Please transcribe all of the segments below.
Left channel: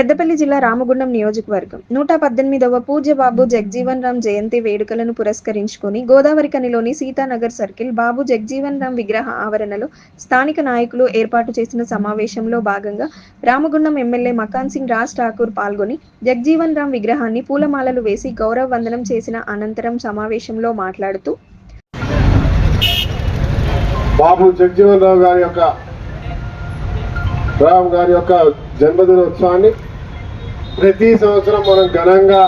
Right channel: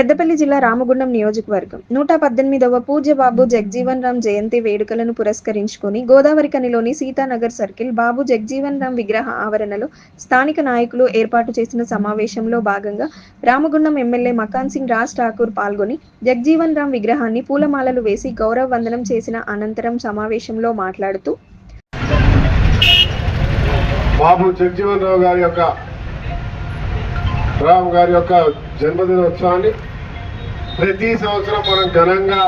పెద్దపల్లి జిల్లా రామగుండం నియోజకవర్గం. నూట పద్దెనిమిదవ పూజ్యబాబు జగ్జీవన్ రామ్ జయంతి వేడుకలను పురస్కరించుకొని గోదావరి కనిలోని సీతానగర్ సర్కిల్ బాబు జగ్జీవన్ రామ్ విగ్రహ ఆవరణలో స్థానిక నాయకులు ఏర్పాటు చేసిన సమావేశంలో భాగంగా రామగుండం ఎమ్మెల్యే మకాన్ సింగ్ రాజ్ ఠాకూర్ పాల్గొని జగ్జీవన్ రామ్ విగ్రహాన్ని పూలమాలలు వేసి గౌరవ వందనం చేసిన అనంతరం సమావేశంలో మాట్లాడుతూ బాబు రావు గారి యొక్క గారి యొక్క జన్మదినోత్సవాన్ని ప్రతి సంవత్సరం మనం ఘనంగా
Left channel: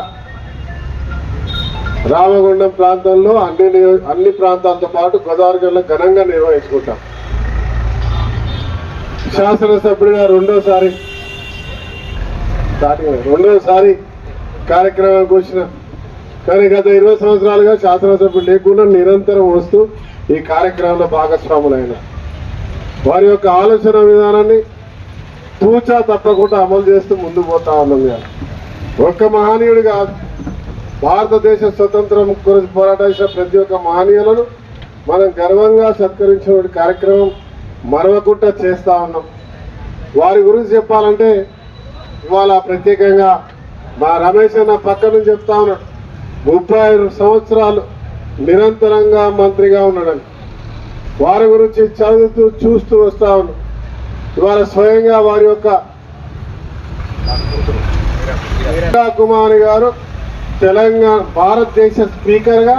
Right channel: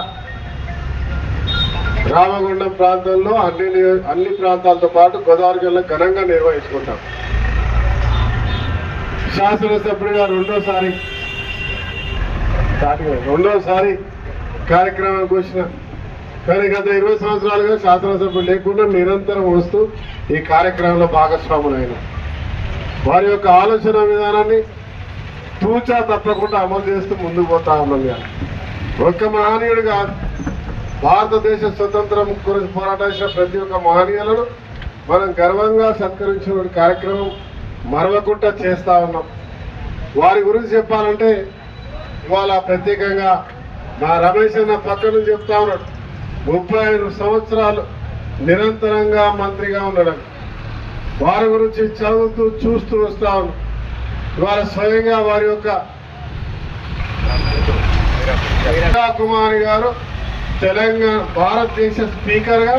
రామగుండం ప్రాంతంలో అన్ని అన్ని ప్రాంతాలతో పాటు గోదావరి జిల్లా ఘనంగా నిర్వహించుకుంటాం. శాసనసభ్యుడిగా రెండోసారి రెండోసారి కార్యక్రమానికి వచ్చిన కానీ గత ఇరవై సంవత్సరాలుగా శాసనసభ్యులు లేకుండా నిరంతరం వస్తూ ఈ కార్యక్రమంలో భాగస్వాములైన వారి యొక్క ఆలోచన విధానాన్ని తూచా తప్పకుండా అమలు చేస్తూ ముందుకు పోతా ఉన్నాం ఇవాళ. ఒక్క మహనీయుడు కాదు. భారతదేశ స్వతంత్రం గురించి పోరాటేసిన ప్రతి ఒక్క మహనీయులను మనం గర్వంగా సత్కరించిన కార్యక్రమం మరవకుండా చేస్తా ఉన్నాం. వారి గురించి చెప్పాలంటే ఇవాళ ప్రత్యేకంగా మా రమేష్ అన్న పక్క నుంచి చెప్తా ఉన్నాడు. ముప్పై ఐదు సంవత్సరాలు నిరంతరంగా మంత్రిగా ఉండడం వారి గురించి చదువుతూ చూస్తూ వస్తా ఉన్నాం ఇవాళ స్వయంగా వారి యొక్క వీరా కుమారి గారు తెలంగాణ భారతదేశ స్పీకర్గా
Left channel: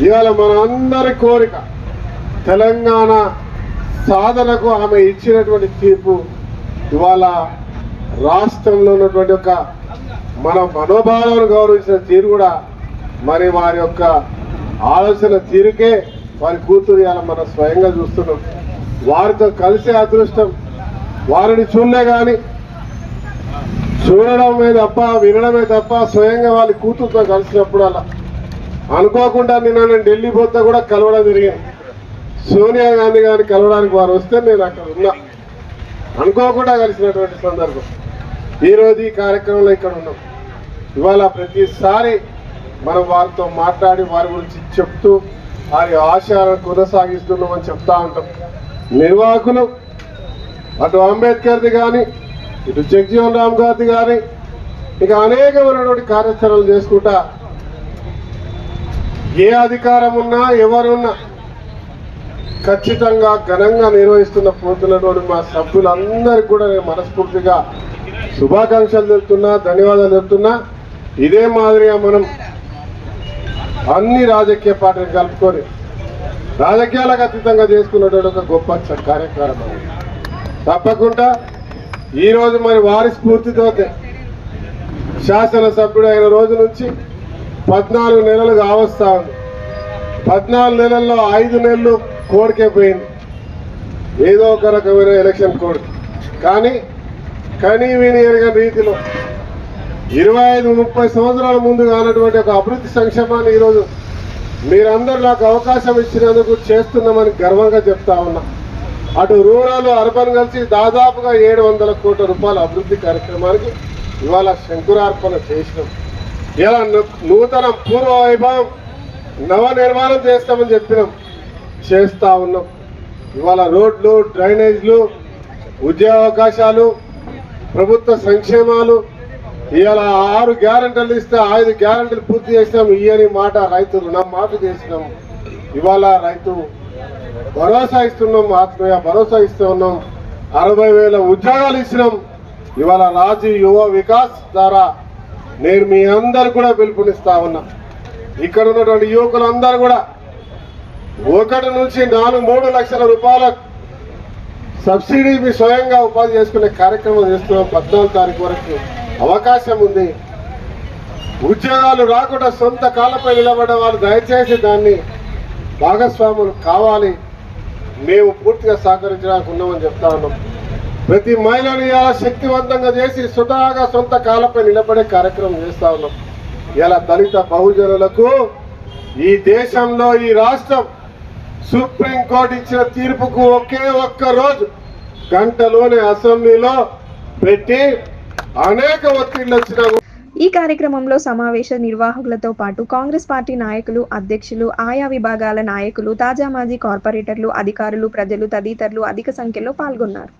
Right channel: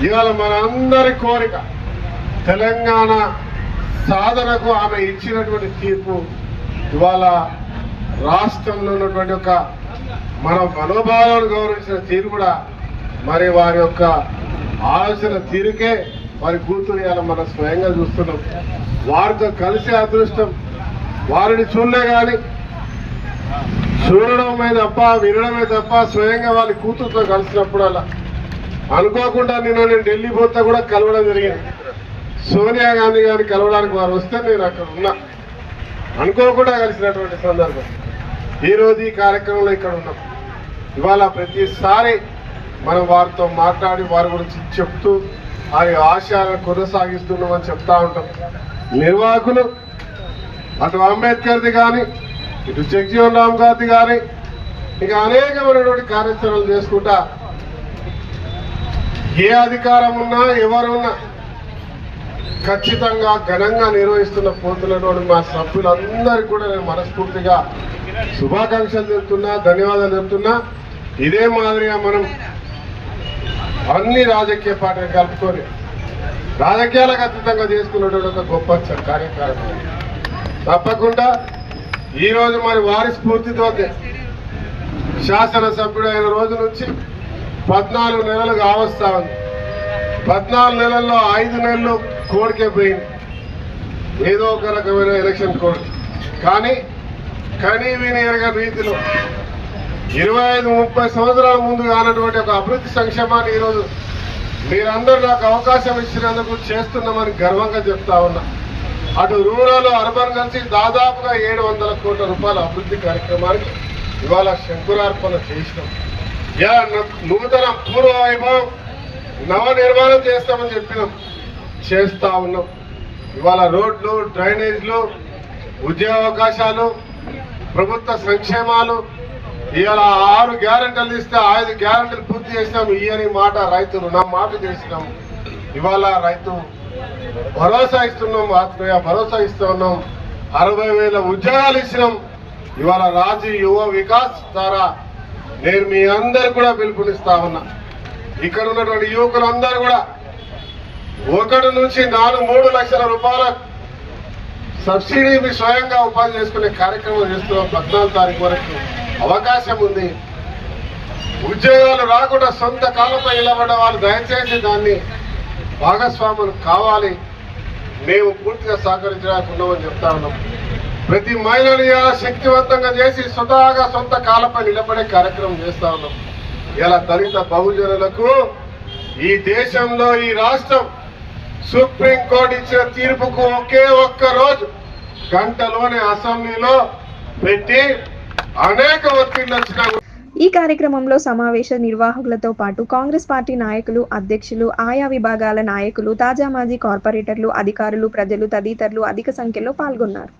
ఇవాళ మన అందరి కోరిక తెలంగాణ సాధనకు ఆమె ఇచ్చినటువంటి తీర్పు ఇవాళ రాష్ట్రంలో ఉన్నటువంటి ఒక మన మనోభావాలను గౌరవించిన తీరు కూడా మరి వారి యొక్క ఆలోచన తీరుకే వారి కూతురు ఇవాళ మనం స్వయంగా చూస్తున్నాం. వారితో కలిసే అదృష్టం. వారిని చూడలే కానీ చూడడమే తప్ప వినడమే తప్ప స్వయంగా వాళ్ళ కూతురుతో కలిసినప్పుడు అలా. అనుకోకుండా నిన్న నేను ఢిల్లీ పోతే కూడా కలవడం జరిగింది. సోనియా గాంధీ గారిని కలవడానికి వారు వస్తే నేను అక్కడ ఉన్నా. అనుకోకుండా కలిసినటువంటి సందర్భం. ఈరోజు ఈ కార్యక్రమంలో ఇక్కడ ఉన్నాం. ఇవాళ ప్రతిసారి మనం వారితో మాట్లాడి వారి గురించి చెప్తూ వారి ఆశయాలను కొనసాగిస్తున్నామని చెప్తా ఉంటాం. నిర్వాహకులు అటు అంబేద్కర్ది కానీ ఇటు జగ్జీవన్ రామ్ గారిది కానీ ఇక అనేకమైనటువంటి కార్యాచరణలు చేసుకుంటా ఏ అధికారం ఉన్నా ఎవరున్నా ఖచ్చితంగా ఘనంగా నిర్వహిస్తున్న పోతులను మా సభ్యులందరికీ కూడా నేను మనస్ఫూర్తిగా శుభాకాంక్షలు చెప్తున్నా ధన్యవాదాలు చెప్తున్నా ఇదే మాదిరిగా మనం అన్ని రాజకీయ పార్టీలు కలుపుకొని రాజకీయాలకు అతీతంగా చేసుకున్నటువంటి ఒక గొప్ప కార్యక్రమం. తప్పకుండా ఈరోజు మరి వారి స్ఫూర్తితో శాసనసభ్యుడు అయిన రోజు నుంచి పద్నాలుగు నెలలు కావస్తా ఉంది. పద్నాలుగు నెలల్లో ఐదు నెలలు కోడికే పోయింది. ఏదో ఒక రకమైన ఎలక్షన్ కోడ్. కానీ కనీ విని ఎరగని రీతిలో ఇరవై ఐదు ముప్పై సంవత్సరాల ముందు కానటువంటి ఒక అభివృద్ధి సంక్షేమాన్ని ఈరోజు మీరందరూ నాకు అవకాశం ఇచ్చినందుకు చేస్తున్నామని గర్వంగా చెప్తా ఉన్నా. అటు రూరల్ అర్బన్ కలిసి దాదాపుగా ఏడు వందల కోట్ల రూపాయల అభివృద్ధి కార్యక్రమానికి ఇవాళ శంకురార్పణ చేసినాం. ఇలా నూతన పూర్వ వైభవం నవ నిర్మాణం చేస్తామని చెప్పినాం. చేస్తా ఉన్నాం. ఇవాళ రోడ్లు డ్రైనేజ్లు ఉద్యోగ అవకాశాలు ప్రభుత్వ సంక్షేమాలు ఇవాళ ఆరు గ్యారంటీలు ఇస్తే ఐదు గ్యారంటీలు పూర్తి చేసినాం. ఇయని మాట రైతు రుణం మాఫీ చేసినాం. ఇవాళ రైతు భరోసా ఇస్తున్నాం. ఆత్మీయ భరోసా ఇస్తున్నాం అరవై వేల ఉద్యోగాలు ఇచ్చినాం. ఇవాళ రాజు యువ వికాస్ ద్వారా నేను మీ అందరు కూడా పిలుపునిస్తా ఉన్నా. ఇక్కడ ఉన్నటువంటి యువకులు అందరు కూడా ఒకటి నుంచి నాలుగు మూడు లక్షల రూపాయల సబ్సిడీ మీ స్వయంగా ఉపాధి చేసుకునే కార్యక్రమం చేస్తున్నాం. పద్నాలుగు తారీఖు వరకు అవకాశం ఉంది. ఉద్యోగాలు రాకుండా సొంత కాలంపై నిలబడ్డ వాళ్ళు దయచేసి దాన్ని భాగస్వాములు కావాలి. మేము పూర్తిగా సహకరించడానికి ఉన్నామని చెప్తా ఉన్నాం. ప్రతి మహిళను ఇలా శక్తివంతంగా చేసి స్వతహాగా సొంత కాలంపై నిలబడే కార్యక్రమం చేస్తా ఉన్నాం. ఇలా దళిత బహుజనులకు ఈ దేశంలో ఈ రాష్ట్రం సుప్రీంకోర్టు ఇచ్చిన తీర్పుకు ఒకే ఒక్క రోజు గంటలోనే అసెంబ్లీలో పెట్టి అనేక ఒత్తిళ్ళు వచ్చినా ఈ కార్యక్రమంలో సమావేశ నిర్వాహకులతో పాటు కాంగ్రెస్ పార్టీ నాయకులు అధ్యక్షులు ఆయా విభాగాల నాయకులు తాజా మాజీ కార్పొరేటర్లు అధికారులు ప్రజలు తదితరులు అధిక సంఖ్యలో పాల్గొన్నారు.